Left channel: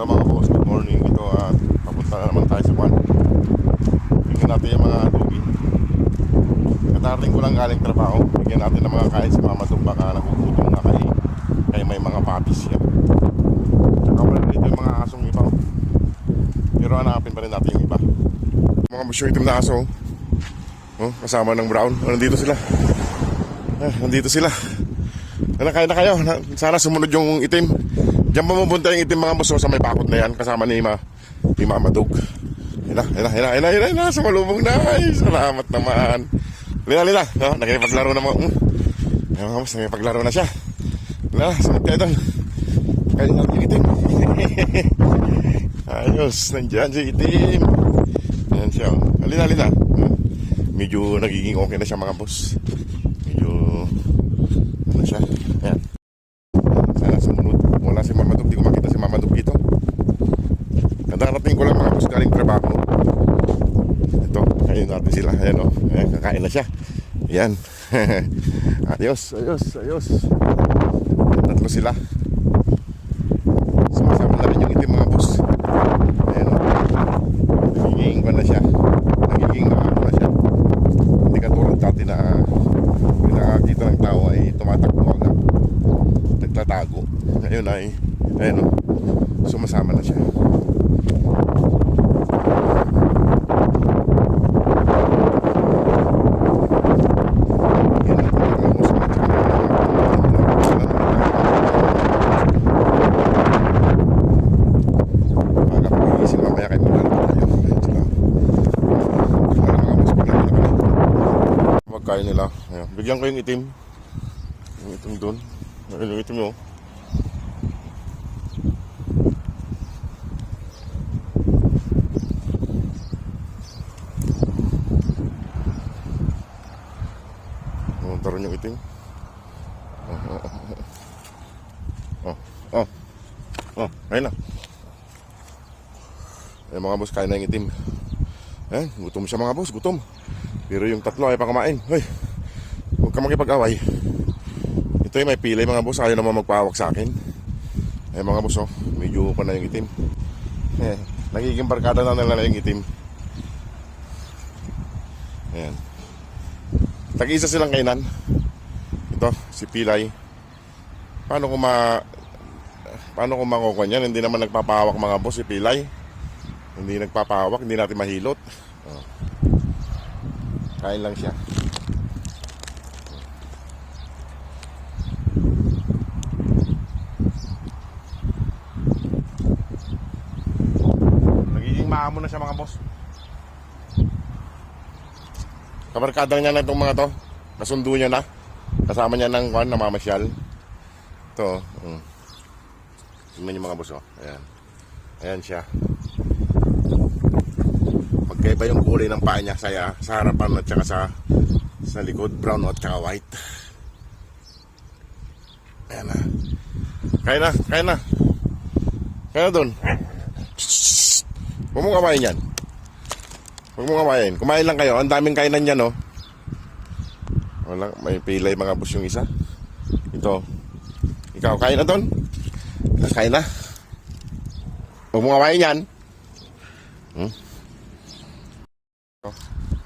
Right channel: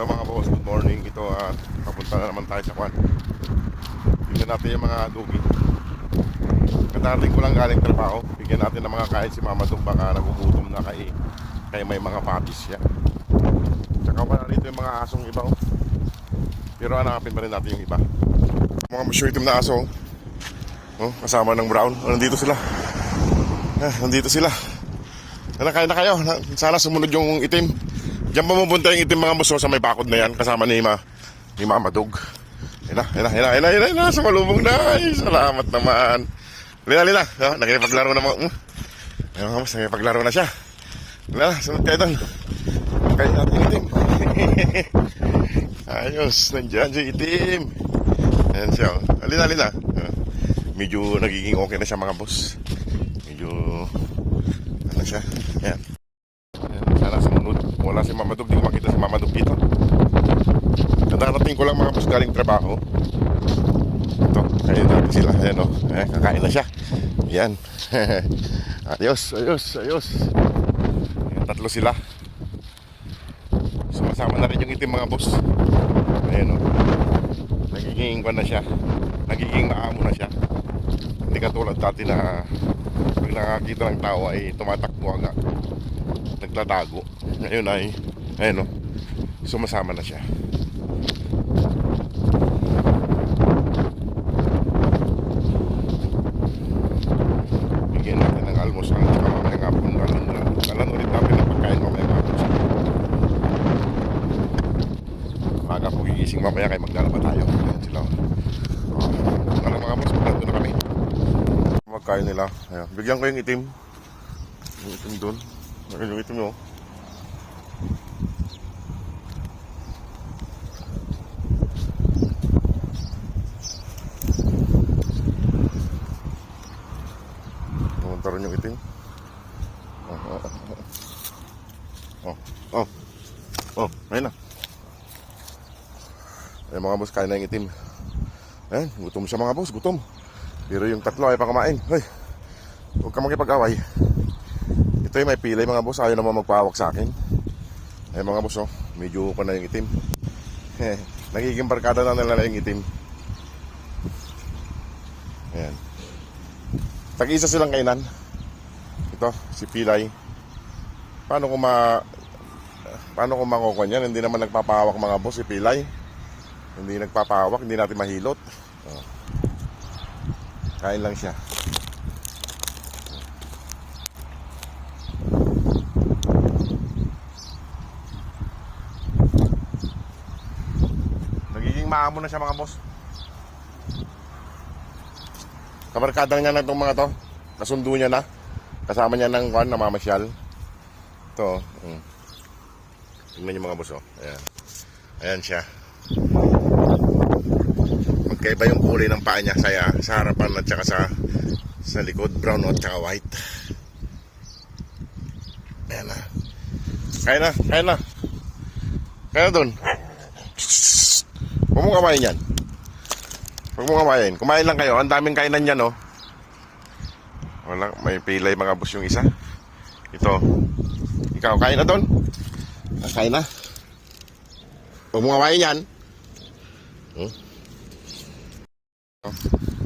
So mga boss, good morning. Ito at papunta na naman tayo sa kwan. Tingnan natin yung mga dugi. Katarating ko lang galing trabaho. Bigyan natin ng mga kain si Mama Dog. Baka nagugutom na kay may mga papis yan. Tsaka wala dito yung mga asong iba. Pero hanapin pa rin natin yung iba. Mga musyong itim na aso. Kasama ng brown. Nandito sila. Nandito sila. Kain na kayo. Sana sumunod yung itim. Diyan pa mapunta yung itim mga boss sa may bakod na yan. Kasama ni Mama Dog. Hina. Sumalubong na. Ay, salamat naman. Lina. Nakipaglaro na mga. Mga boss, nakipaglaro na siya. Lina, sunod kayo doon. Kain natin yung itim. Ayos, nandiyan si itim. Ayan siya. Lina. Medyo nagiging okay na siya mga boss. Medyo ano siya. Ayan. Sana sumunod. Wala si Mama Dog. Di ko makita si Mama Dog dito. Nadarating ko lang mga boss galing trabaho. Ito, kain natin sila. Ayan o. Ayan, kakain na siya. Ayan. Ayos. Tatlo sila. Sumasama na rin yung itim mga boss. Ayan o. Nagiging kwan na siya. Nagiging maamo na siya. Hindi katulad dati na pag nakakita ng tao ay tumatakbo agad. Nagtatago. Ngayon ay ayan o. Sumasama na siya. Bigyan natin ng almos na tsaka ng nakapon natin na walang ulit natin ng pagkain. Maga po gigising mamaya kayo maglalaba tayo. Ayan sila. Para mga boss, maglalaba na kami. Magkain nila. Ayan. Bigyan ko yung itim. Yung itim dun. Ayun yung itim o. Pumunta rin yung itim. Ayun na. Ayun mga boss, kain na yung itim. Ayan, gutom siya mga boss, gutom. Pero yung tatlo ay pa kumain. Hey, huwag ka makipag-away. Ito yung may pilay mga boss, ayaw naman magpahawak sa akin. Ayun mga boss, medyo ko na yung itim. Nagiging barkada na nila yung itim. Ayan. Tag-isa silang kainan. Ito, si Pilay. Paano kung makukuha yan? Hindi naman nagpapahawak mga boss si Pilay. Hindi nagpapahawak, hindi natin mahilot. Kain lang siya. Nagiging maamo na siya mga boss. Kabarkadang niya na itong mga to. Nasundo niya na. Kasama niya ng kwan, namamasyal. Ito. Tingnan niyo mga boss. Ayan. Ayan siya. Magkaiba yung kulay ng paa niya sa harapan at saka sa likod. Brown at saka white. Ayan na. Kain na. Kain na dun. Huwag mo kamain yan. Huwag mo kamain. Kumain lang kayo. Ang daming kainan yan, no? Wala. May pilay mga boss yung isa. Ito. Ikaw, kain na doon? Kain na. Huwag mo kamain yan.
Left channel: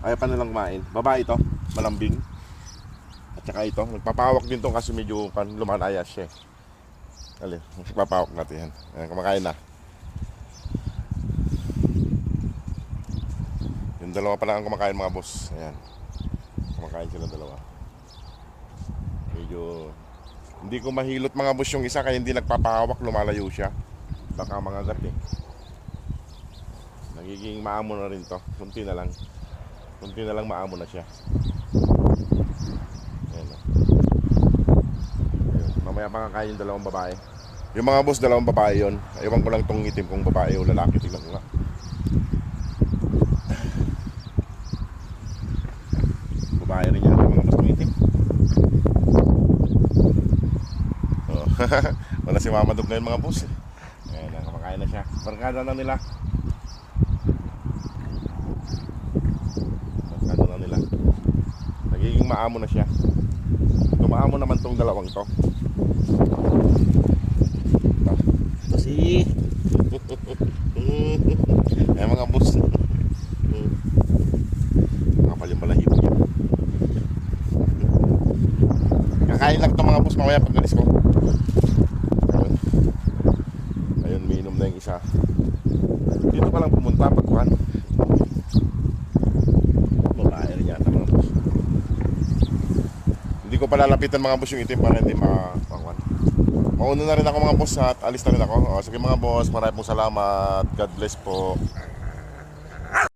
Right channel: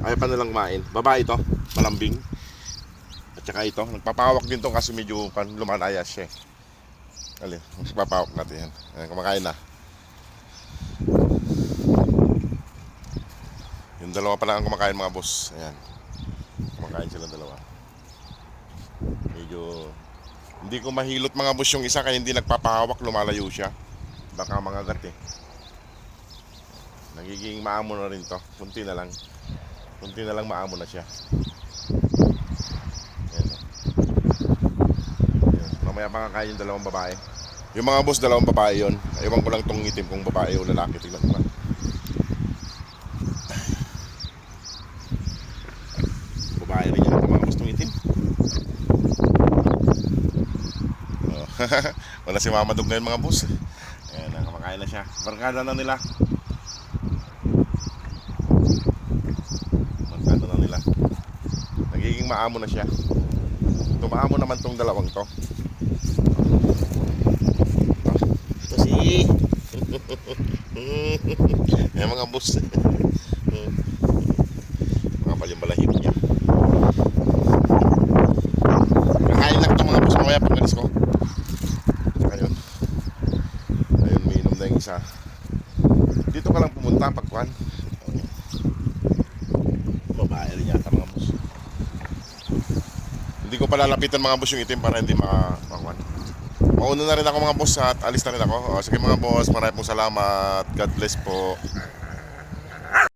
Ayaw pa nilang kumain. Babae ito. Malambing. At saka ito. Nagpapahawak din ito kasi medyo lumanayas siya. Alin. Mas papahawak natin yan. Ayan, kumakain na. Yung dalawa pa lang ang kumakain mga boss. Ayan. Kumakain sila dalawa. Medyo hindi ko mahilot mga boss yung isa kaya hindi nagpapahawak, lumalayo siya. Baka mga gat eh. Nagiging maamo na rin to. Kunti na lang maamo na siya. Ayan o. Mamaya pa kakain yung dalawang babae. Yung mga boss, dalawang babae yun. Ewan ko lang tong itim kung babae o lalaki. Tignan ko lang. Babae rin yan, mga boss, tong itim. Wala si Mama Dog ngayon mga boss. Ayan, kumakain na siya. Barkada na nila. Nagiging maamo na siya. Tumaamo naman tong dalawang to. Ito si Ay mga boss. Kapal yung balahibo niya. Kakain lang ito mga boss mamaya pag alis ko. Ayun. Ayun, minom na yung isa. Dito ka lang pumunta pagkuhan. Babae rin yata mga boss. Hindi ko palalapitan mga boss yung itim para hindi makakuhan. Mauna na rin ako mga boss at alis na rin ako. O, sige mga boss, maraming pong salamat. God bless po.